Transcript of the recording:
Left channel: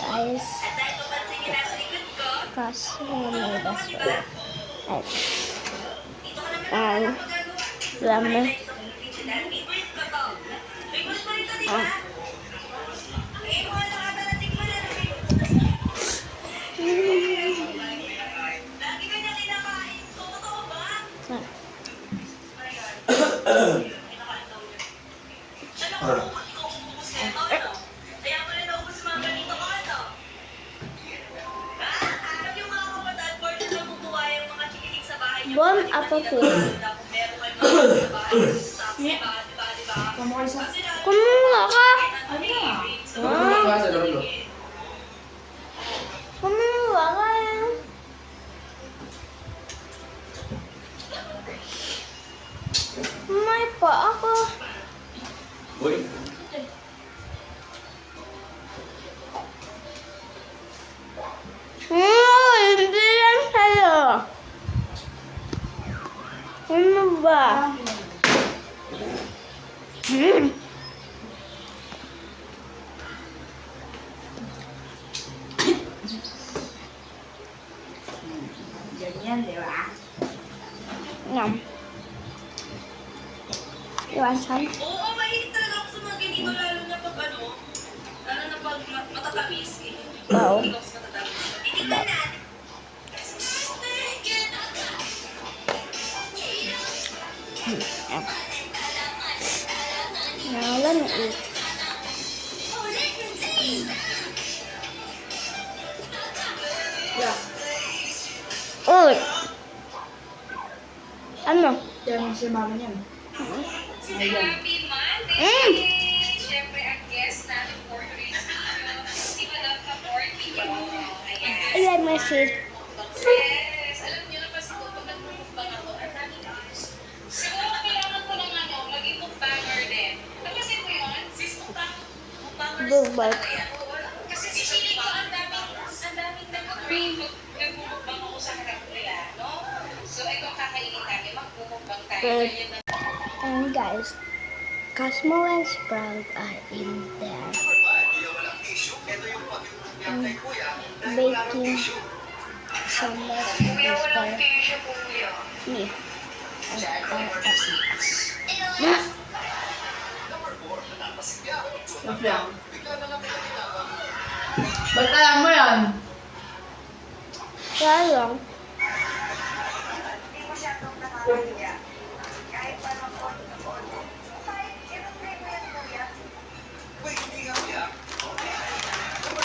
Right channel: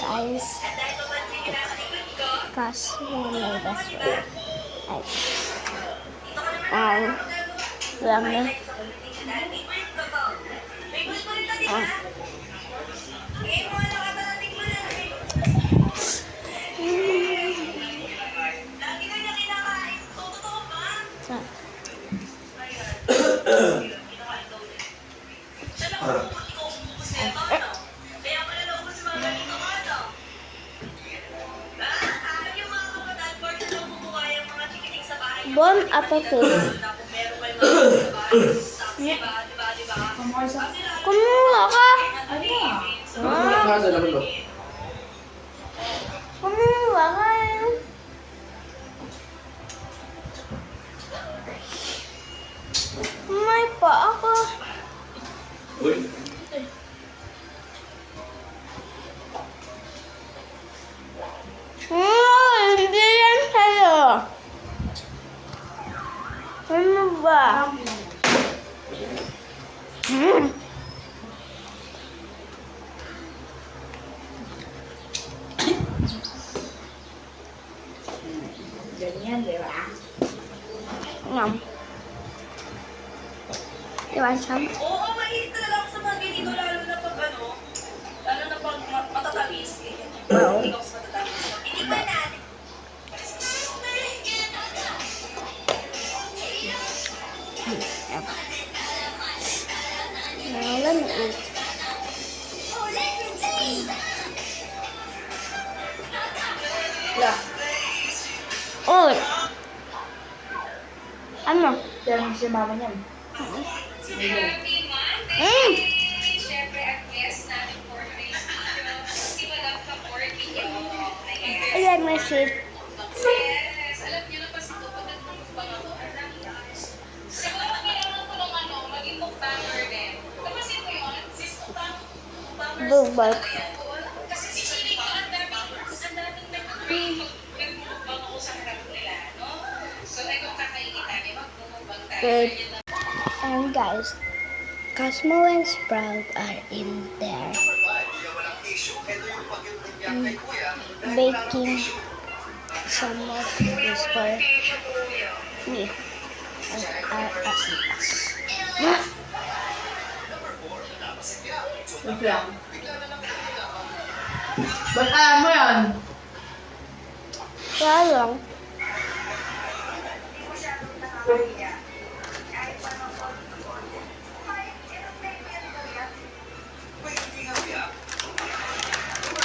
guys. Kaso may basura. Dami. Bon appetit. Kumuha ka. Kumuha ka. May pa ako. Hindi yan sa'yo. Ano ba? Ganyan, di ba? Ngam. Iwan sam. Oo, mahilig talaga ako sa mga ganito, lalo na pag lalo na pag matatamis. Wow. Ikaw sa matatamis. Itignan natin. Nalan eh. Yeah. Uy! Ano? Diyan si mama niyan. Siyempre, ang guest namin for today's video, si Madam Kaporky. Ayan, message. Yes, alam niyo na kasi ko, pag nagmumukbang ako, ang dami guys. Siguro kailangan ko ng maging mukbanger din. Napasin mo yun? Sis, mukbanger. Bubak. Kasi si Chili ko, ang daming nagmumukbang ako sa harap nila, no? So, ikaw kakainin namin, magmumukbang tayo. Good. And guys, Cosmo and Sprout are in there. Baking some more things for me. Lang. Ba't alam mo yan? Kaya lang. Hindi masyadong nakakaya.